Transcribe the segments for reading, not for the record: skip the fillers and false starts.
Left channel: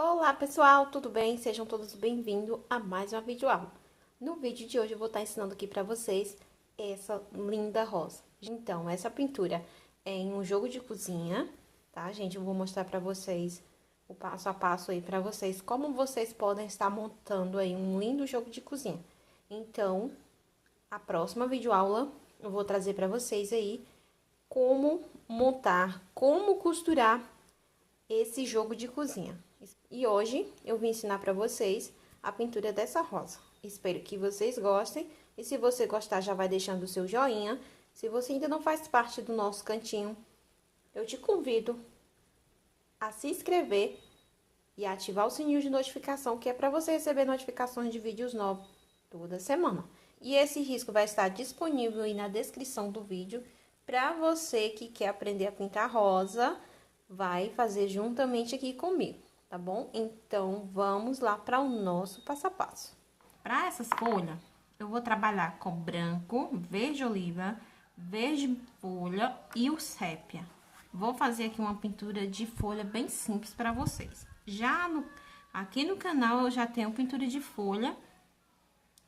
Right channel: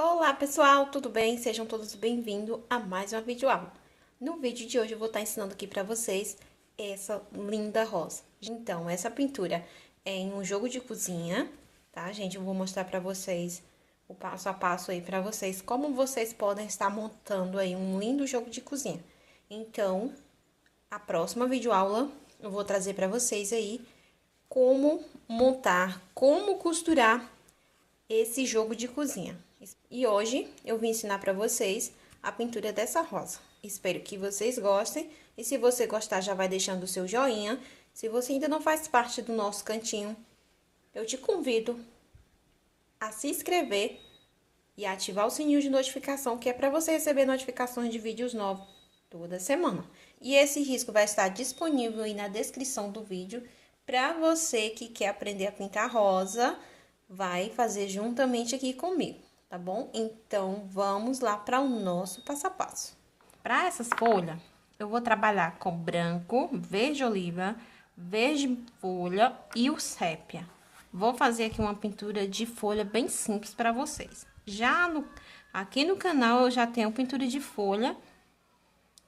Olá pessoal, tudo bem? Sejam todos bem-vindos a mais uma videoaula. No vídeo de hoje eu vou estar ensinando aqui para vocês essa linda rosa. Então, essa pintura é em um jogo de cozinha, tá, gente? Eu vou mostrar para vocês o passo a passo aí para vocês, como vocês podem estar montando aí um lindo jogo de cozinha. Então, a próxima videoaula eu vou trazer para vocês aí como montar, como costurar esse jogo de cozinha. E hoje eu vim ensinar para vocês a pintura dessa rosa. Espero que vocês gostem e se você gostar já vai deixando o seu joinha. Se você ainda não faz parte do nosso cantinho, eu te convido a se inscrever e ativar o sininho de notificação, que é para você receber notificações de vídeos novos toda semana. E esse risco vai estar disponível aí na descrição do vídeo para você que quer aprender a pintar rosa, vai fazer juntamente aqui comigo, tá bom? Então, vamos lá para o nosso passo a passo. Para essas folhas, eu vou trabalhar com branco, verde oliva, verde folha e o sépia. Vou fazer aqui uma pintura de folha bem simples para vocês. Aqui no canal eu já tenho pintura de folha,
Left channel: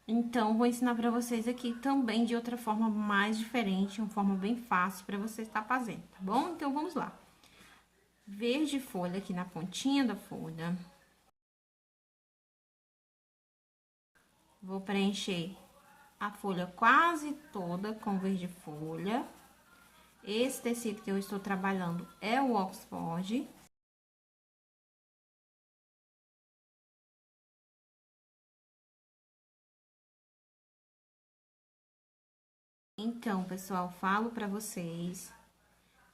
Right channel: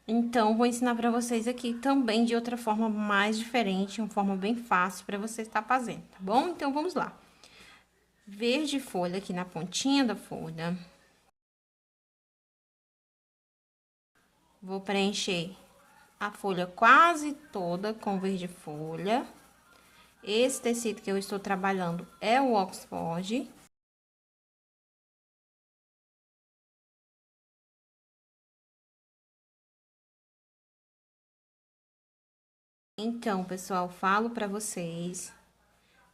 então vou ensinar para vocês aqui também de outra forma mais diferente, uma forma bem fácil para você estar fazendo, tá bom? Então, vamos lá. Verde folha aqui na pontinha da folha. Vou preencher a folha quase toda com verde folha. Esse tecido que eu estou trabalhando é o Oxford. Então, pessoal, falo para vocês,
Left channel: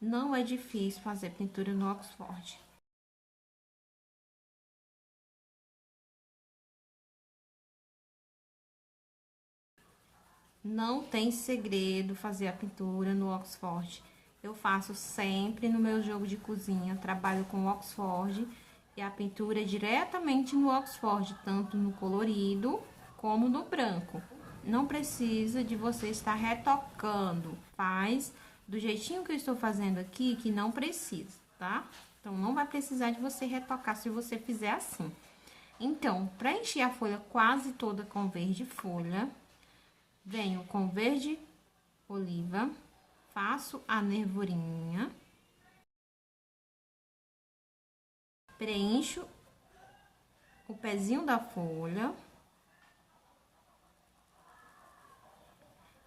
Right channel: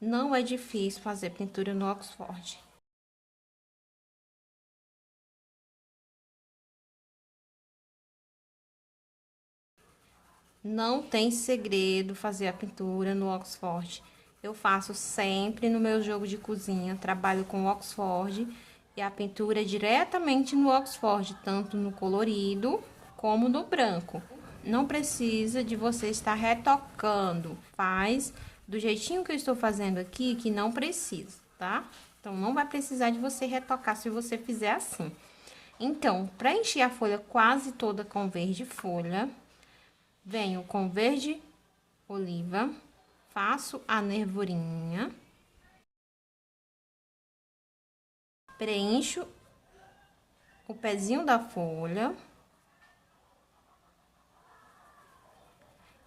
não é difícil fazer pintura no Oxford. Não tem segredo fazer a pintura no Oxford. Eu faço sempre no meu jogo de cozinha, trabalho com Oxford e a pintura é diretamente no Oxford, tanto no colorido como no branco. Não precisa de você estar retocando, faz do jeitinho que eu estou fazendo aqui, que não precisa, tá? Então, não vai precisar de você retocar se você fizer assim. Então, para encher a folha quase toda com verde folha, venho com verde oliva, faço a nervurinha, preencho o pezinho da folha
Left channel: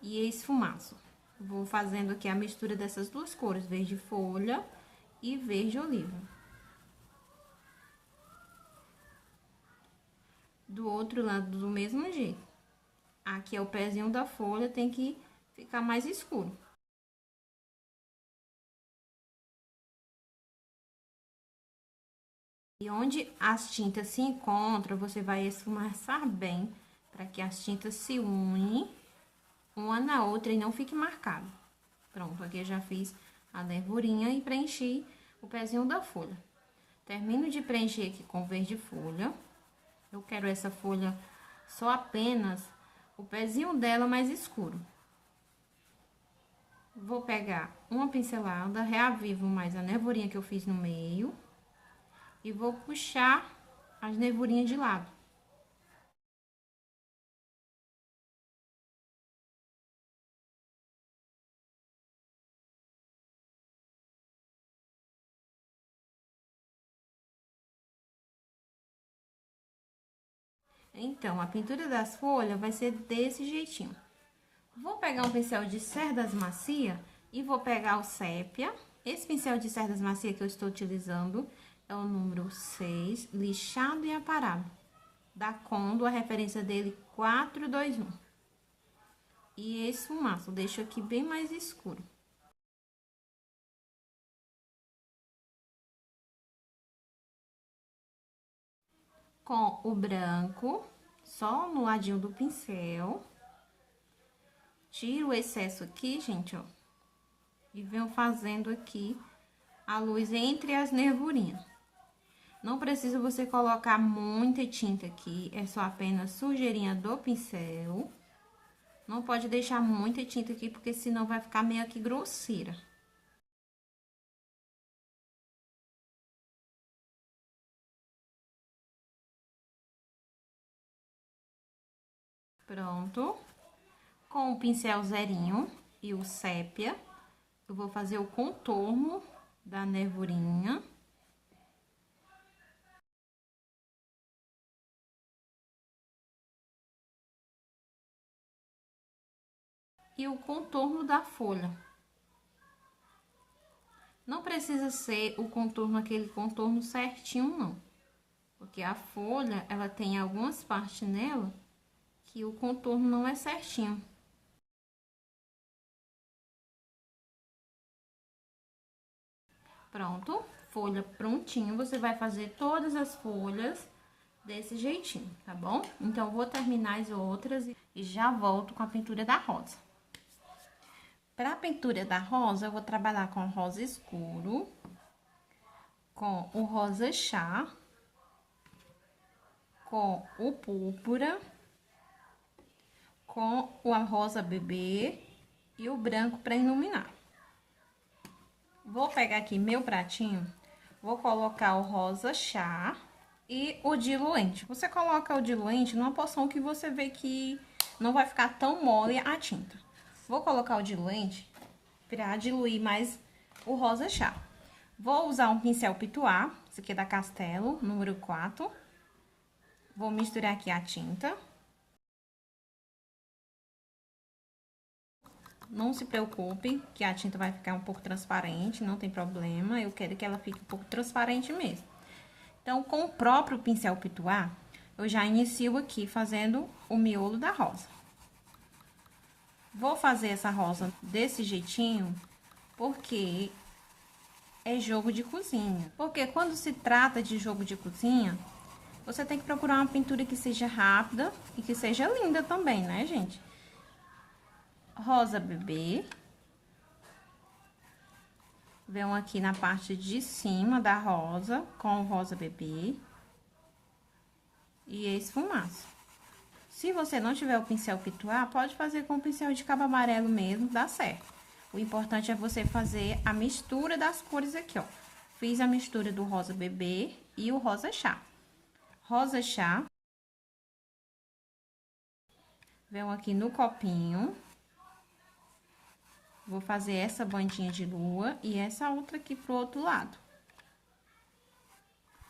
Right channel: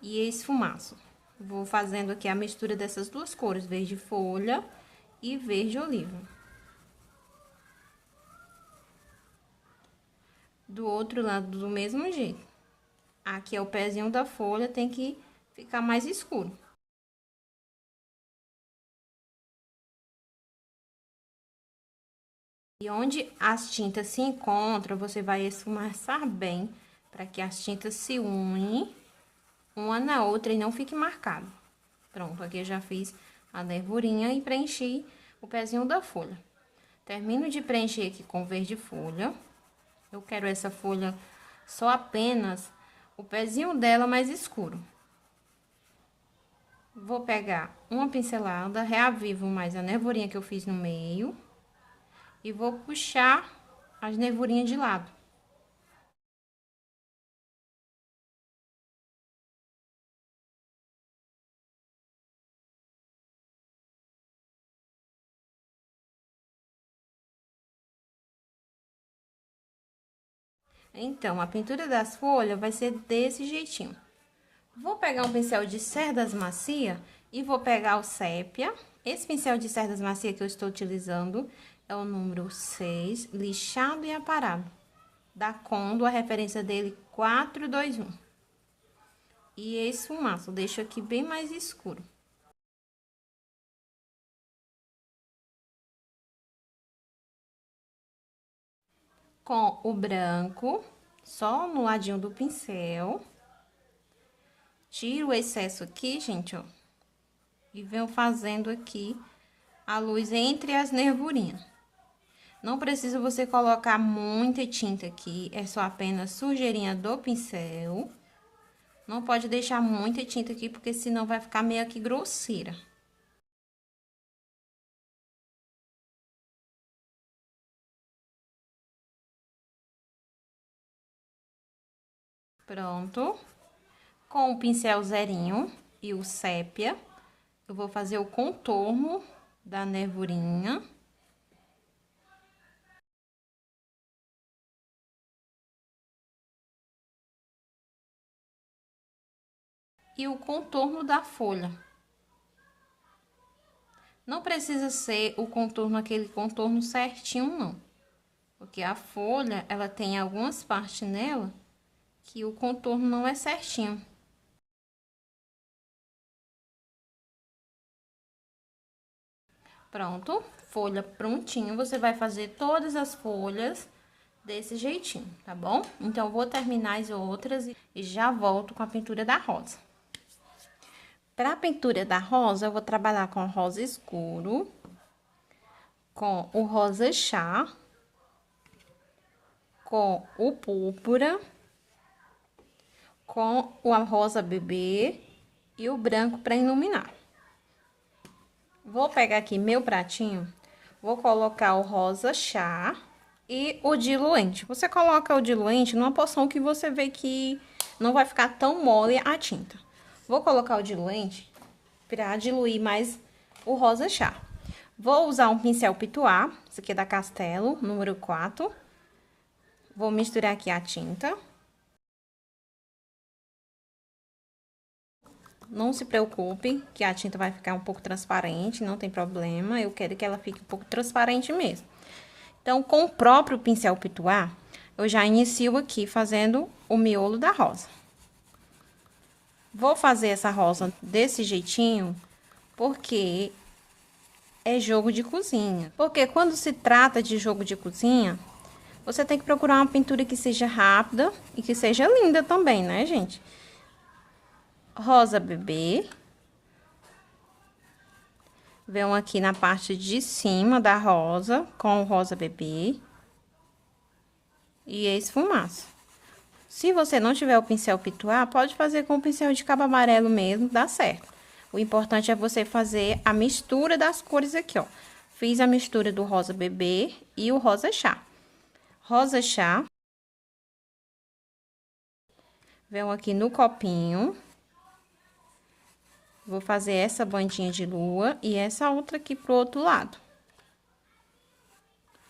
e esfumaço. Vou fazendo aqui a mistura dessas duas cores, verde folha e verde oliva. Do outro lado, do mesmo jeito. Aqui é o pezinho da folha, tem que ficar mais escuro. E onde as tintas se encontram, você vai esfumaçar bem, para que as tintas se unem uma na outra e não fique marcado. Pronto, aqui eu já fiz a nervurinha e preenchi o pezinho da folha. Termino de preencher aqui com verde folha. Eu quero essa folha só apenas o pezinho dela mais escuro. Vou pegar uma pincelada, reavivo mais a nervurinha que eu fiz no meio e vou puxar as nervurinhas de lado. Então, a pintura das folhas vai ser desse jeitinho. Vou pegar um pincel de cerdas macia e vou pegar o sépia. Esse pincel de cerdas macia que eu estou utilizando é o número 6, lixado e aparado. Da Condo, a referência dele 421. E esse fumaço, eu deixo aqui bem mais escuro. Com o branco, só no ladinho do pincel. Tiro o excesso aqui, gente, ó. E venho fazendo aqui a luz entre as nervurinhas. Não precisa você colocar muita tinta aqui, é só apenas sujeirinha do pincel. Não pode deixar muita tinta aqui, porque senão vai ficar meio que grosseira. Pronto. Com o pincel zerinho e o sépia, eu vou fazer o contorno da nervurinha. E o contorno da folha. Não precisa ser o contorno, aquele contorno certinho, não. Porque a folha, ela tem algumas partes nela que o contorno não é certinho. Pronto, folha prontinho. Você vai fazer todas as folhas desse jeitinho, tá bom? Então, eu vou terminar as outras e já volto com a pintura da rosa. Para a pintura da rosa, eu vou trabalhar com rosa escuro, com o rosa chá, com o púrpura, com o rosa bebê e o branco para iluminar. Vou pegar aqui meu pratinho, vou colocar o rosa chá e o diluente. Você coloca o diluente numa porção que você vê que não vai ficar tão mole a tinta. Vou colocar o diluente para diluir mais o rosa chá. Vou usar um pincel pituá, esse aqui é da Castelo, número 4. Vou misturar aqui a tinta. Não se preocupe que a tinta vai ficar um pouco transparente, não tem problema. Eu quero que ela fique um pouco transparente mesmo. Então, com o próprio pincel pituá, eu já inicio aqui fazendo o miolo da rosa. Vou fazer essa rosa desse jeitinho, porque é jogo de cozinha. Porque quando se trata de jogo de cozinha, você tem que procurar uma pintura que seja rápida e que seja linda também, né, gente? Rosa bebê. Venho aqui na parte de cima da rosa, com o rosa bebê. E esfumaço. Se você não tiver o pincel pituá, pode fazer com o pincel de cabo amarelo mesmo, dá certo. O importante é você fazer a mistura das cores aqui, ó. Fiz a mistura do rosa bebê e o rosa chá. Rosa chá. Venho aqui no copinho. Vou fazer essa bandinha de lua e essa outra aqui pro outro lado.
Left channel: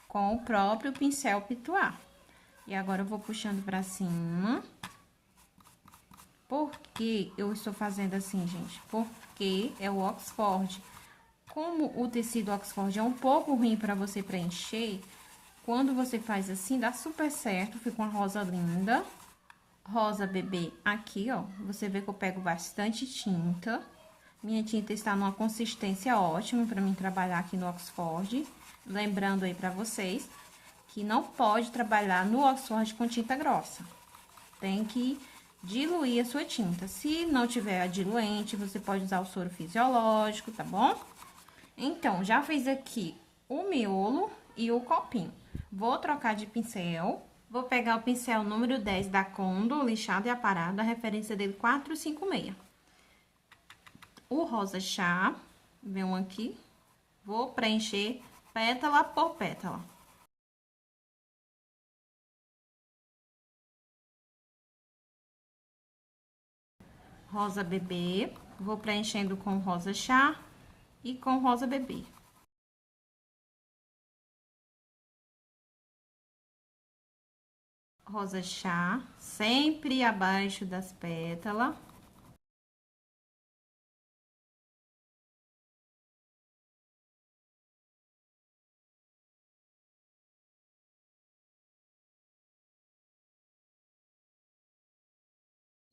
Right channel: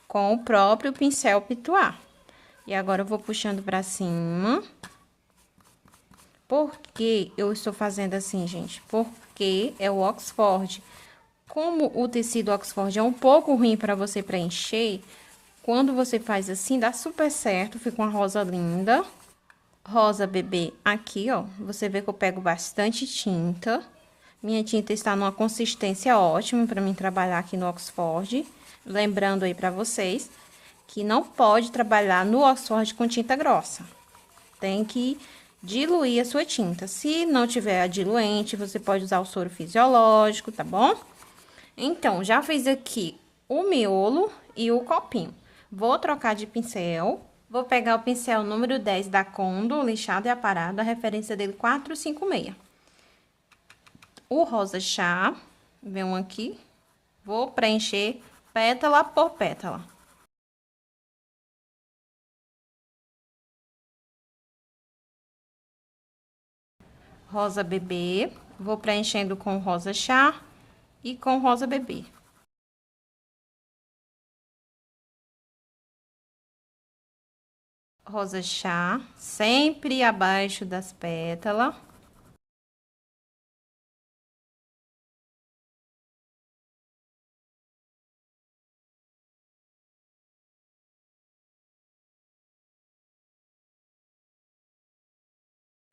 Com o próprio pincel pituá. E agora, eu vou puxando pra cima. Por que eu estou fazendo assim, gente? Porque é o Oxford. Como o tecido Oxford é um pouco ruim para você preencher, quando você faz assim, dá super certo. Fica uma rosa linda. Rosa bebê aqui, ó. Você vê que eu pego bastante tinta. Minha tinta está numa consistência ótima para mim trabalhar aqui no Oxford. Lembrando aí para vocês que não pode trabalhar no Oxford com tinta grossa. Tem que diluir a sua tinta. Se não tiver a diluente, você pode usar o soro fisiológico, tá bom? Então, já fiz aqui o miolo e o copinho. Vou trocar de pincel. Vou pegar o pincel número 10 da Condo, lixado e aparado, a referência dele 456. O rosa chá, venho aqui, vou preencher pétala por pétala. Rosa bebê, vou preenchendo com rosa chá e com rosa bebê. Rosa chá, sempre abaixo das pétalas.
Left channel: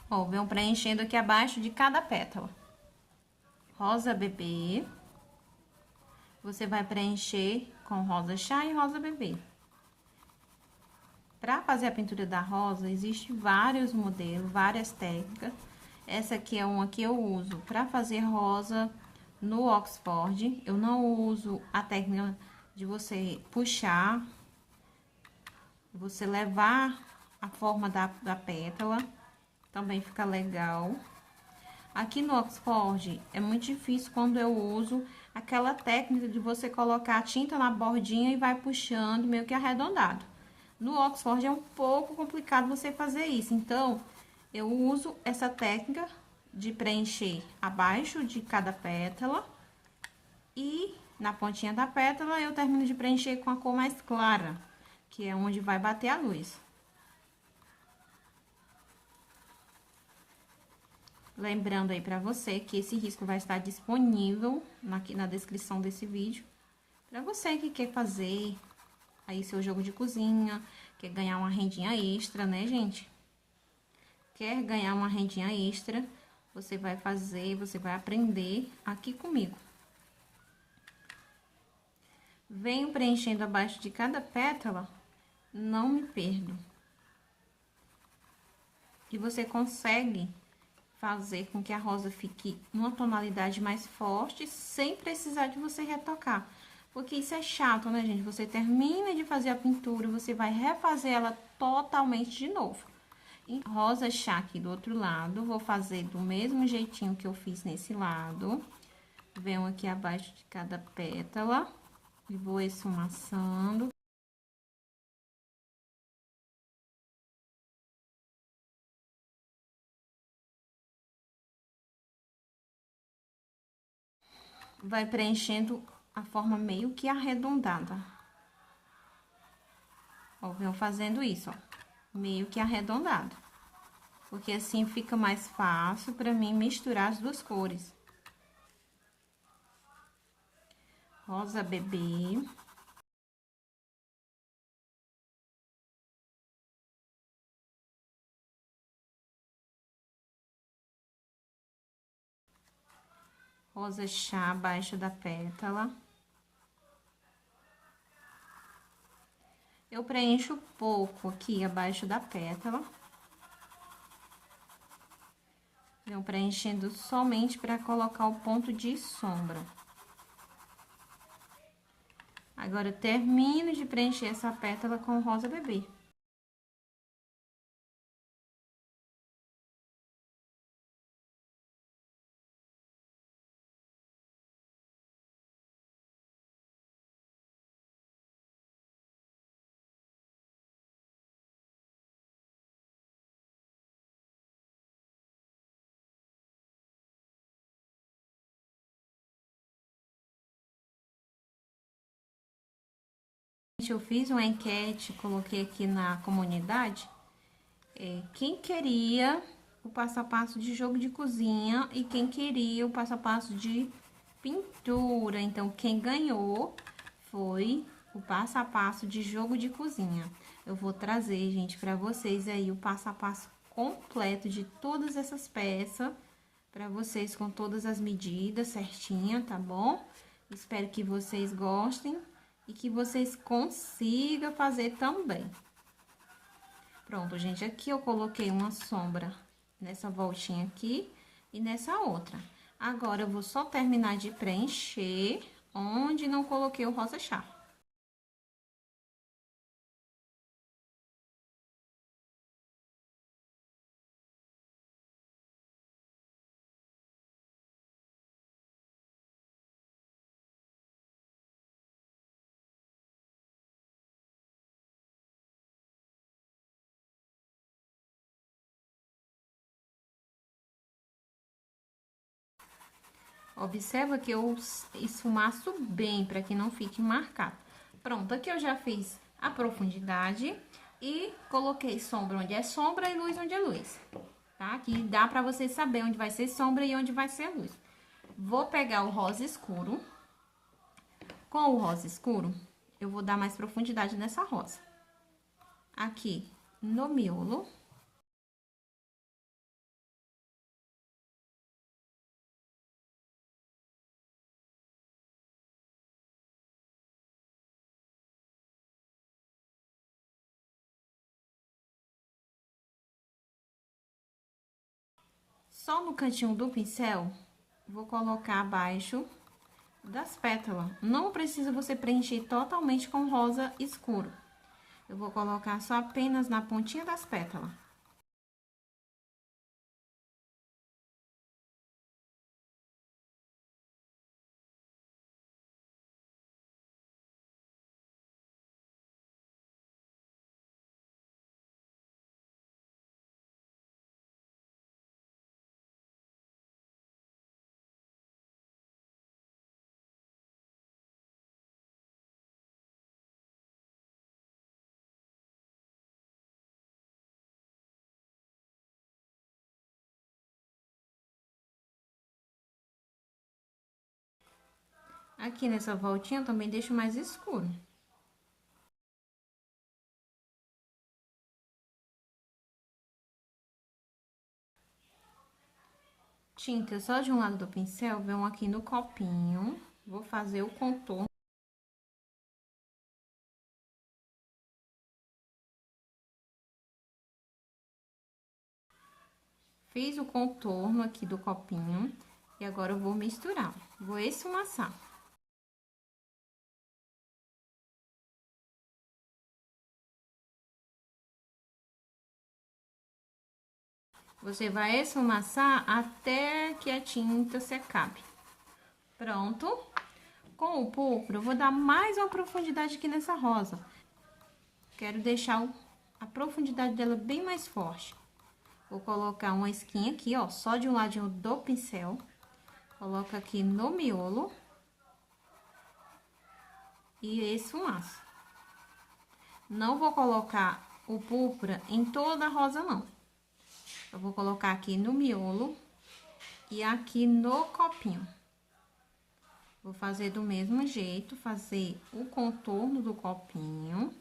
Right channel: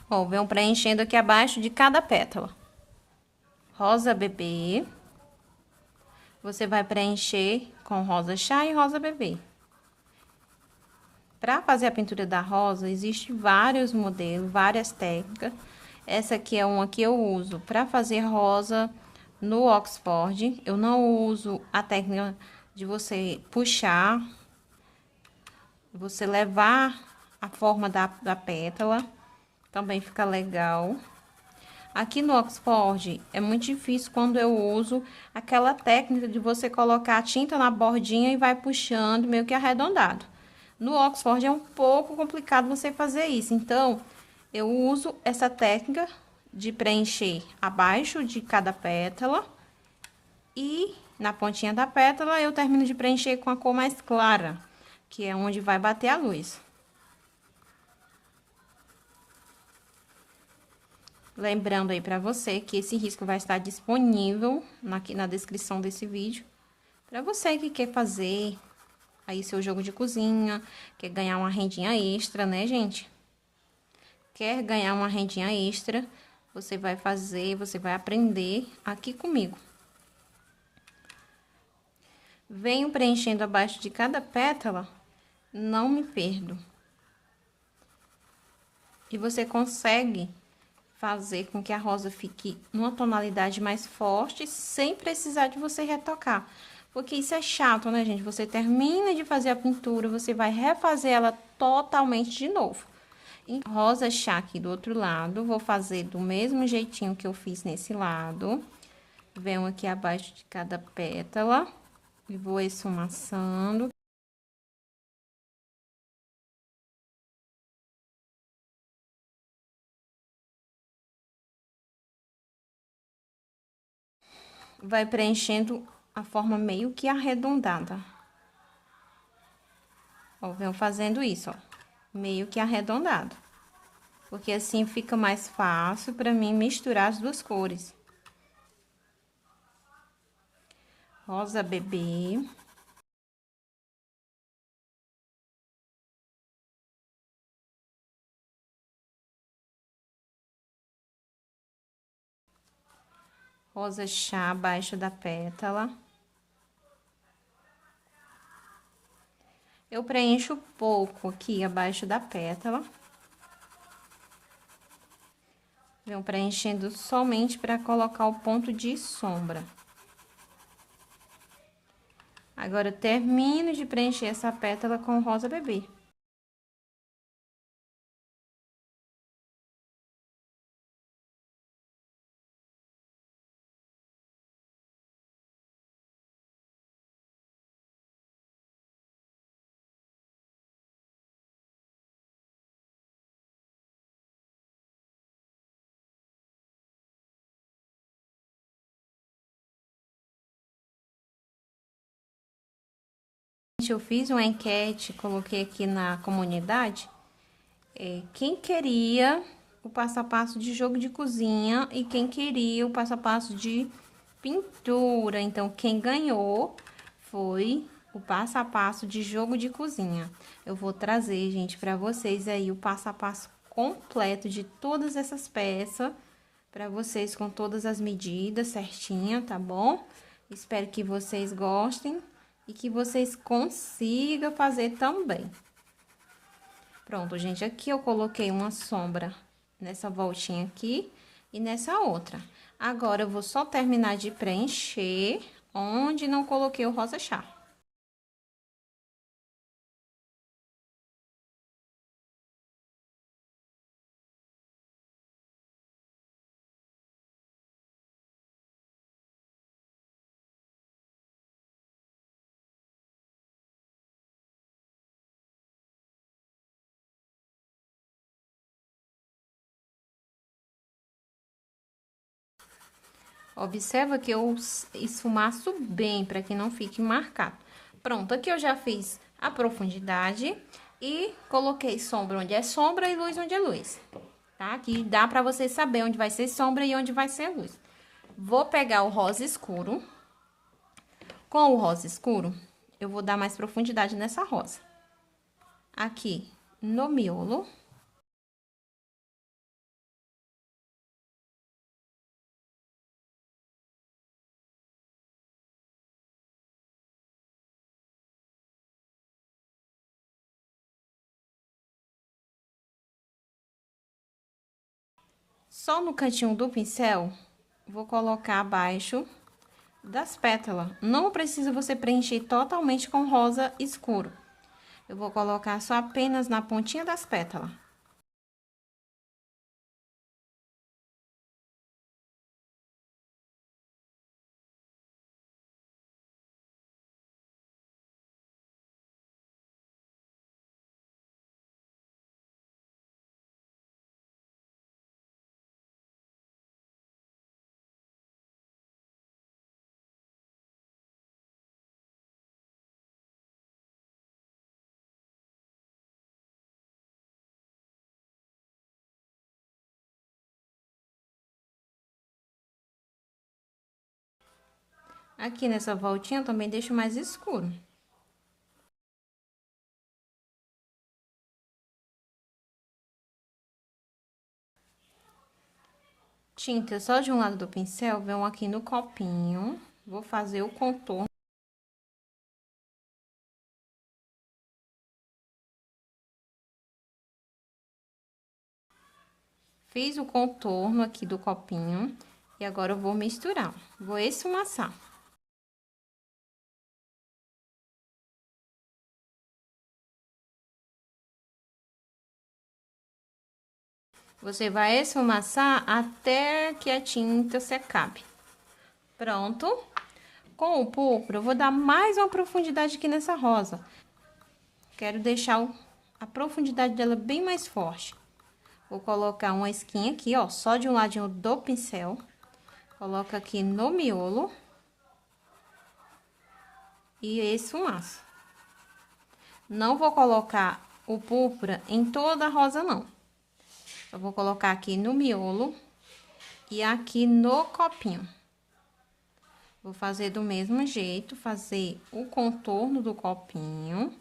Ó, venho preenchendo aqui abaixo de cada pétala. Rosa bebê. Você vai preencher com rosa chá e rosa bebê. Para fazer a pintura da rosa, existem vários modelos, várias técnicas. Essa aqui é uma que eu uso para fazer rosa no Oxford. Eu não uso a técnica de você puxar, você levar a forma da pétala. Também fica legal. Aqui no Oxford, é muito difícil quando eu uso aquela técnica de você colocar a tinta na bordinha e vai puxando meio que arredondado. No Oxford é um pouco complicado você fazer isso, então, Eu uso essa técnica de preencher abaixo de cada pétala e na pontinha da pétala eu termino de preencher com a cor mais clara, que é onde vai bater a luz. Lembrando aí pra você que esse risco vai estar disponível aqui na descrição desse vídeo. Pra você que quer fazer aí seu jogo de cozinha, quer ganhar uma rendinha extra, né, gente? Quer ganhar uma rendinha extra, você vai fazer, você vai aprender aqui comigo. Venho preenchendo abaixo de cada pétala, não me perdo. E você consegue fazer com que a rosa fique numa tonalidade mais forte, sem precisar de você retocar. Porque isso é chato, né, gente? Você termina de fazer a pintura, você vai refazer ela totalmente de novo. E rosa chá aqui do outro lado, vou fazer do mesmo jeitinho que eu fiz nesse lado. Venho aqui abaixo de cada pétala e vou esfumaçando. Vai preenchendo a forma meio que arredondada. Ó, venho fazendo isso, ó, meio que arredondado. Porque assim fica mais fácil pra mim misturar as duas cores. Rosa bebê. Rosa chá abaixo da pétala. Eu preencho pouco aqui abaixo da pétala. Venho preenchendo somente para colocar o ponto de sombra. Agora, eu termino de preencher essa pétala com rosa bebê. Eu fiz uma enquete, coloquei aqui na comunidade, quem queria o passo a passo de jogo de cozinha e quem queria o passo a passo de pintura. Então, quem ganhou foi o passo a passo de jogo de cozinha. Eu vou trazer, gente, para vocês aí o passo a passo completo de todas essas peças, para vocês com todas as medidas certinha, tá bom? Espero que vocês gostem e que vocês consigam fazer também. Pronto, gente, aqui eu coloquei uma sombra nessa voltinha aqui e nessa outra. Agora, eu vou só terminar de preencher onde não coloquei o rosa chá. Observa que eu esfumaço bem, para que não fique marcado. Pronto, aqui eu já fiz a profundidade e coloquei sombra onde é sombra e luz onde é luz, tá? Aqui dá pra vocês saber onde vai ser sombra e onde vai ser luz. Vou pegar o rosa escuro. Com o rosa escuro, eu vou dar mais profundidade nessa rosa. Aqui no miolo. Só no cantinho do pincel, vou colocar abaixo das pétalas. Não precisa você preencher totalmente com rosa escuro. Eu vou colocar só apenas na pontinha das pétalas. Aqui nessa voltinha eu também deixo mais escuro. Tinta só de um lado do pincel, venho aqui no copinho, vou fazer o contorno. Fiz o contorno aqui do copinho e agora eu vou misturar. Vou esfumaçar. Você vai esfumaçar até que a tinta se acabe. Pronto. Com o púrpura, eu vou dar mais uma profundidade aqui nessa rosa. Quero deixar a profundidade dela bem mais forte. Vou colocar uma esquinha aqui, ó, só de um ladinho do pincel. Coloca aqui no miolo. E esfumaço. Não vou colocar o púrpura em toda a rosa, não. Eu vou colocar aqui no miolo e aqui no copinho. Vou fazer do mesmo jeito, fazer o contorno do copinho.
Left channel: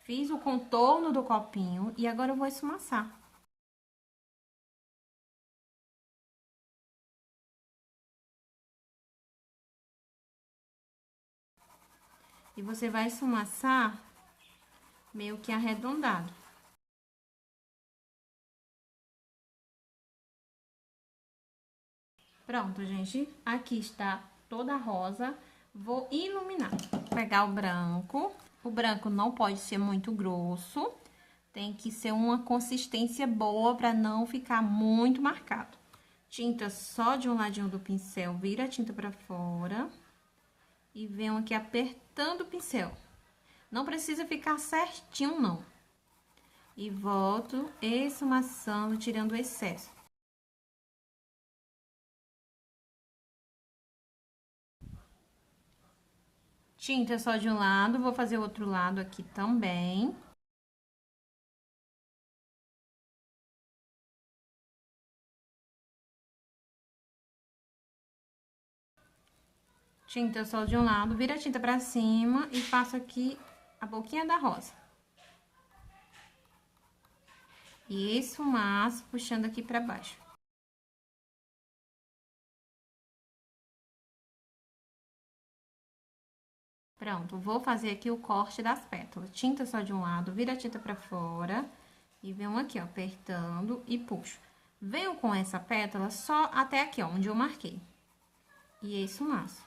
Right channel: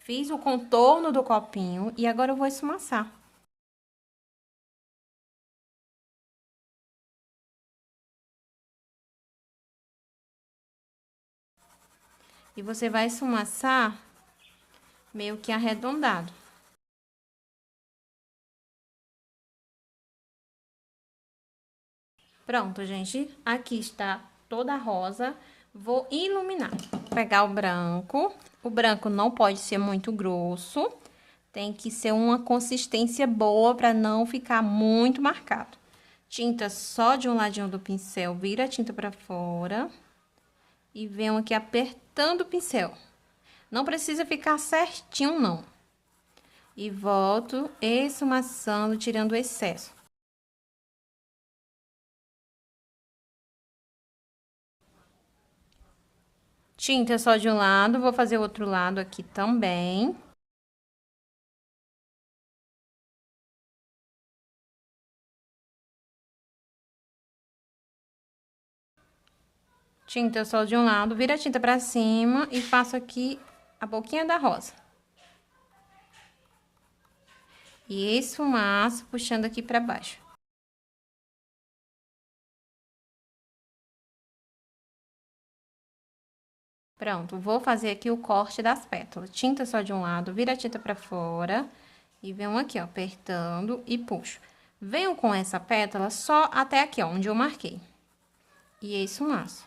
Fiz o contorno do copinho e agora eu vou esfumaçar. E você vai esfumaçar meio que arredondado. Pronto, gente. Aqui está toda a rosa. Vou iluminar. Vou pegar o branco. O branco não pode ser muito grosso. Tem que ser uma consistência boa para não ficar muito marcado. Tinta só de um ladinho do pincel, vira a tinta para fora. E venho aqui apertando o pincel. Não precisa ficar certinho, não. E volto esfumaçando, tirando o excesso. Tinta só de um lado, vou fazer o outro lado aqui também. Tinta só de um lado, vira a tinta pra cima e faço aqui a boquinha da rosa. E esfumaço, puxando aqui pra baixo. Pronto, vou fazer aqui o corte das pétalas. Tinta só de um lado, vira a tinta pra fora e venho aqui, ó, apertando e puxo. Venho com essa pétala só até aqui, ó, onde eu marquei. E esfumaço.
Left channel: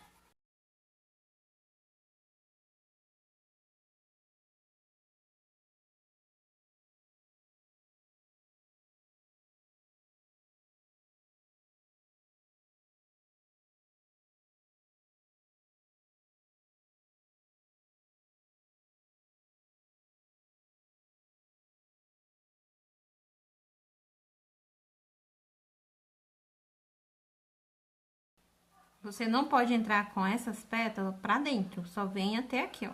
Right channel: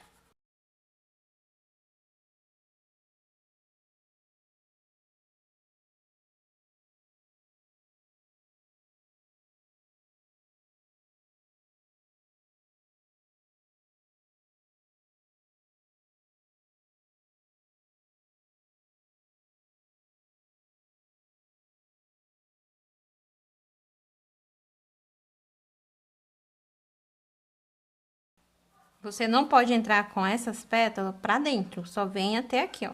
Você não pode entrar com essas pétalas pra dentro, só vem até aqui, ó.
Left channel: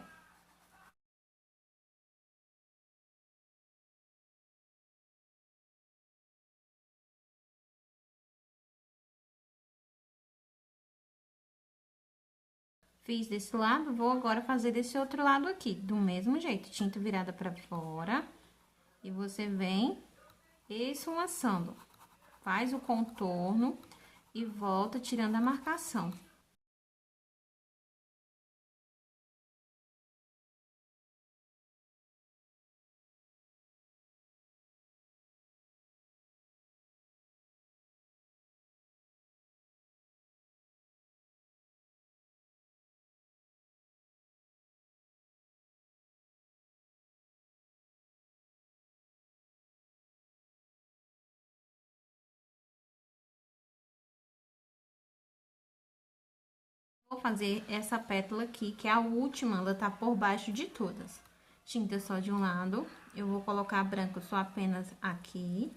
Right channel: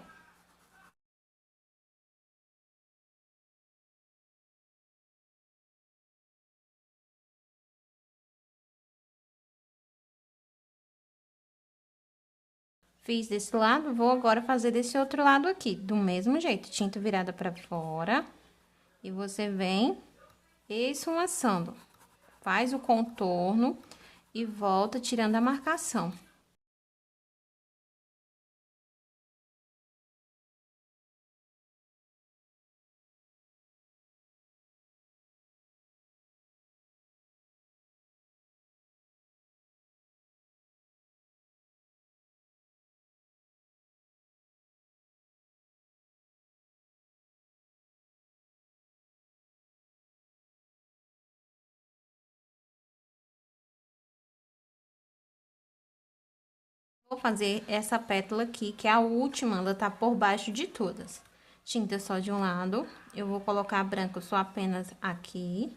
Fiz desse lado, vou agora fazer desse outro lado aqui, do mesmo jeito, tinta virada pra fora. E você vem esfumaçando, faz o contorno e volta tirando a marcação. Vou fazer essa pétala aqui, que é a última, ela tá por baixo de todas. Tinta só de um lado, eu vou colocar branco só apenas aqui,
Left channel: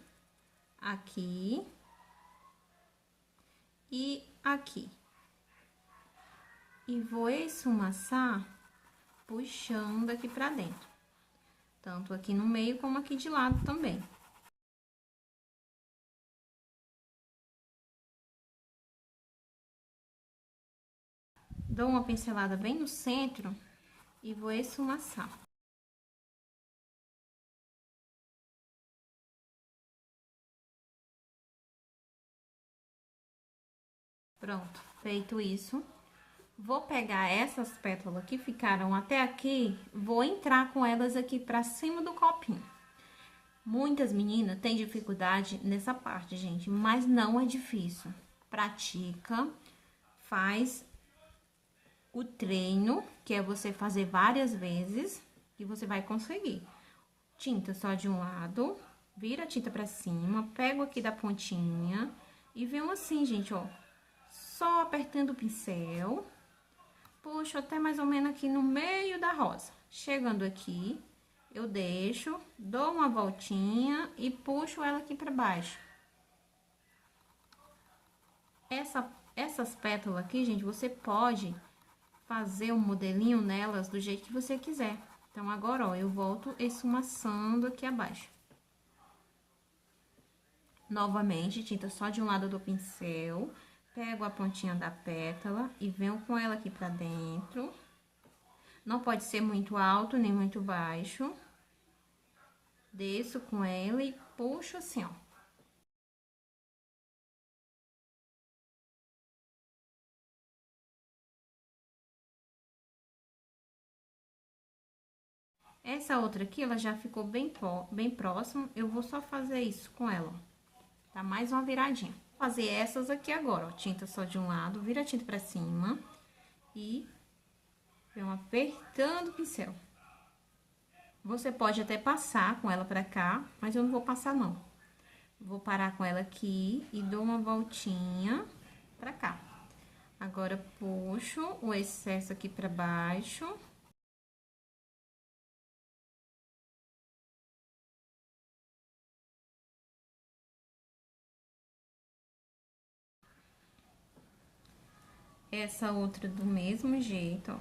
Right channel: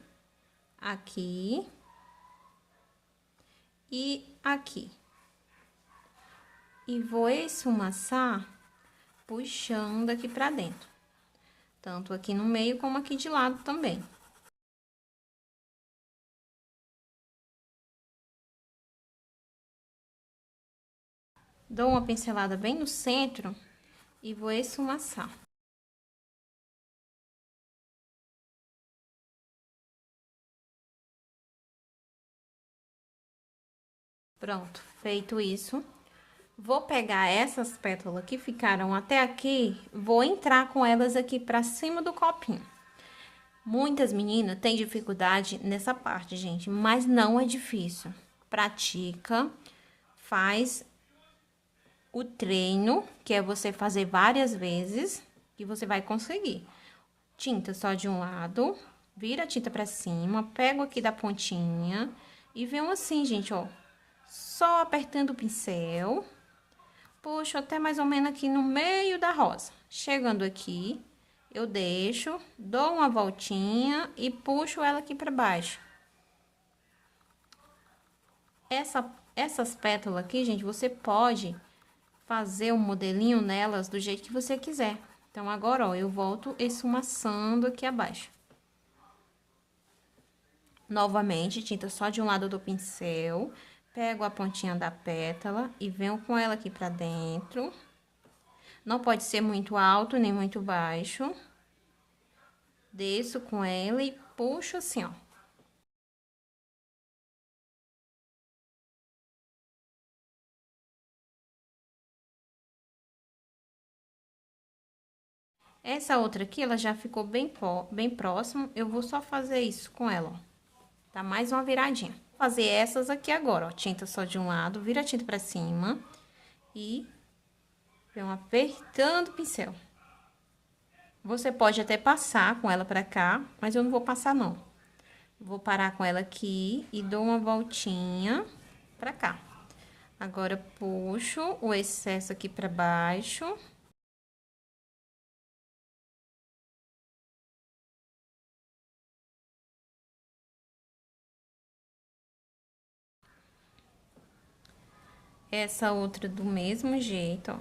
aqui e aqui. E vou esfumaçar puxando aqui pra dentro. Tanto aqui no meio como aqui de lado também. Dou uma pincelada bem no centro e vou esfumaçar. Pronto, feito isso, vou pegar essas pétalas que ficaram até aqui, vou entrar com elas aqui pra cima do copinho. Muitas meninas têm dificuldade nessa parte, gente, mas não é difícil. Pratica, faz o treino, que é você fazer várias vezes, e você vai conseguir. Tinta só de um lado, vira a tinta pra cima, pego aqui da pontinha e venho assim, gente, ó. Só apertando o pincel, puxo até mais ou menos aqui no meio da rosa. Chegando aqui, eu deixo, dou uma voltinha e puxo ela aqui pra baixo. Essas pétalas aqui, gente, você pode fazer um modelinho nelas do jeito que você quiser. Então, agora, ó, eu volto esfumaçando aqui abaixo. Novamente, tinta só de um lado do pincel, pego a pontinha da pétala e venho com ela aqui pra dentro. Não pode ser muito alto nem muito baixo. Desço com ela e puxo assim, ó. Essa outra aqui, ela já ficou bem próximo, eu vou só fazer isso com ela, ó. Tá mais uma viradinha. Vou fazer essas aqui agora, ó, tinta só de um lado, vira a tinta pra cima e venho apertando o pincel. Você pode até passar com ela pra cá, mas eu não vou passar, não. Vou parar com ela aqui e dou uma voltinha pra cá. Agora, puxo o excesso aqui pra baixo. Essa outra do mesmo jeito, ó.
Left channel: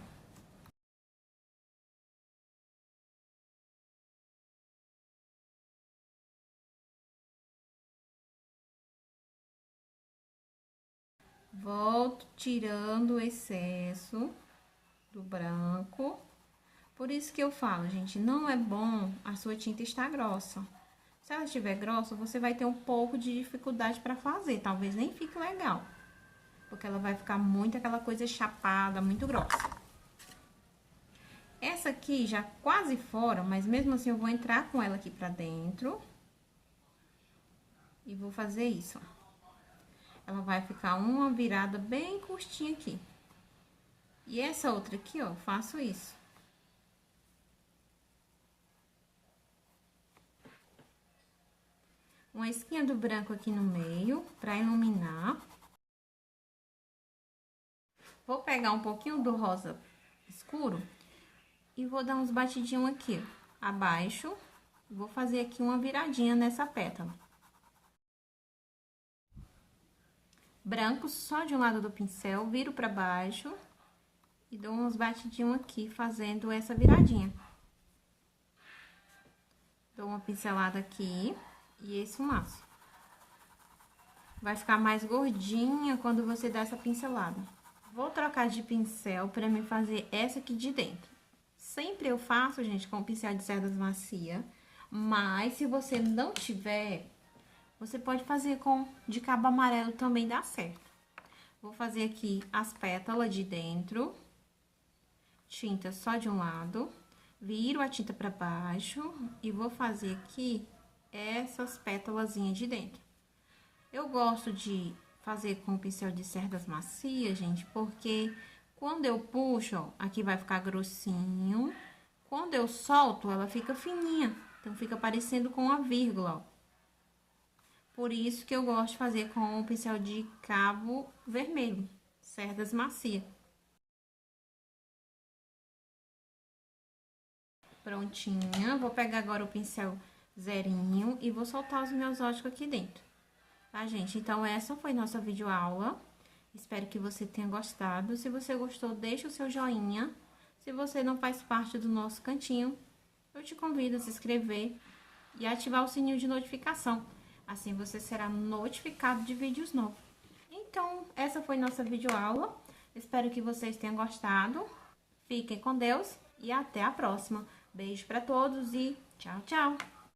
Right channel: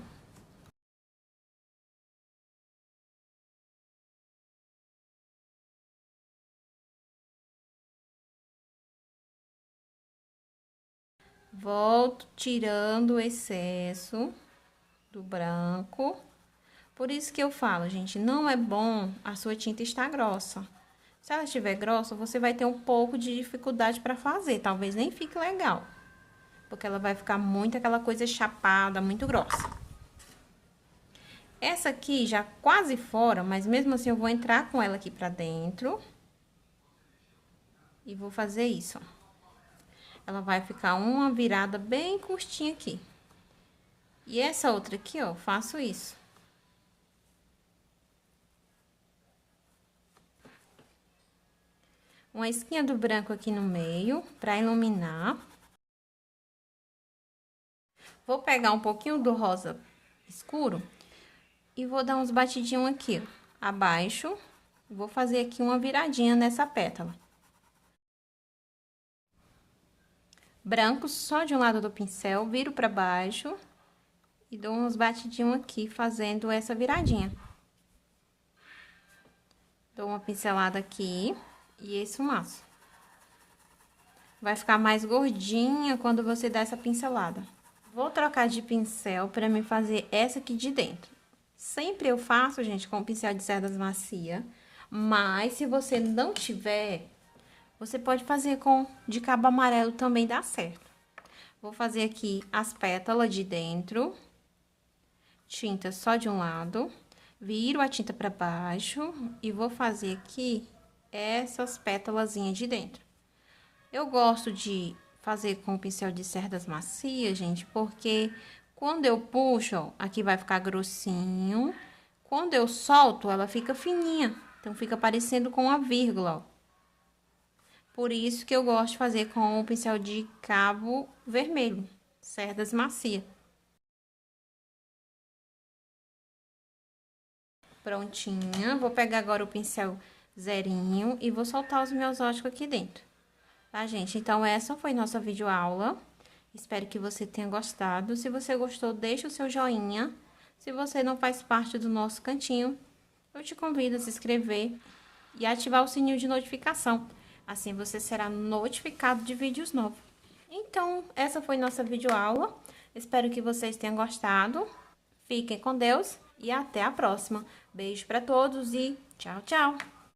Volto tirando o excesso do branco. Por isso que eu falo, gente, não é bom a sua tinta estar grossa. Se ela estiver grossa, você vai ter um pouco de dificuldade para fazer, talvez nem fique legal. Porque ela vai ficar muito aquela coisa chapada, muito grossa. Essa aqui já quase fora, mas mesmo assim eu vou entrar com ela aqui pra dentro. E vou fazer isso, ó. Ela vai ficar uma virada bem curtinha aqui. E essa outra aqui, ó, faço isso. Uma esquinha do branco aqui no meio, pra iluminar. Vou pegar um pouquinho do rosa escuro e vou dar uns batidinhos aqui, ó, abaixo. Vou fazer aqui uma viradinha nessa pétala. Branco só de um lado do pincel, viro pra baixo e dou uns batidinhos aqui, fazendo essa viradinha. Dou uma pincelada aqui e esfumaço. Vai ficar mais gordinha quando você dá essa pincelada. Vou trocar de pincel pra me fazer essa aqui de dentro. Sempre eu faço, gente, com pincel de cerdas macia, mas se você não tiver, você pode fazer com de cabo amarelo, também dá certo. Vou fazer aqui as pétalas de dentro, tinta só de um lado, viro a tinta pra baixo e vou fazer aqui essas pétalazinhas de dentro. Eu gosto de fazer com o pincel de cerdas macias, gente, porque quando eu puxo, ó, aqui vai ficar grossinho. Quando eu solto, ela fica fininha. Então, fica parecendo com uma vírgula, ó. Por isso que eu gosto de fazer com o pincel de cabo vermelho, cerdas macias. Prontinha. Vou pegar agora o pincel zerinho e vou soltar os meus óticos aqui dentro. Tá, gente? Então, essa foi nossa videoaula. Espero que você tenha gostado. Se você gostou, deixa o seu joinha. Se você não faz parte do nosso cantinho, eu te convido a se inscrever e ativar o sininho de notificação. Assim você será notificado de vídeos novos. Então, essa foi nossa videoaula. Espero que vocês tenham gostado. Fiquem com Deus e até a próxima. Beijo para todos e tchau, tchau!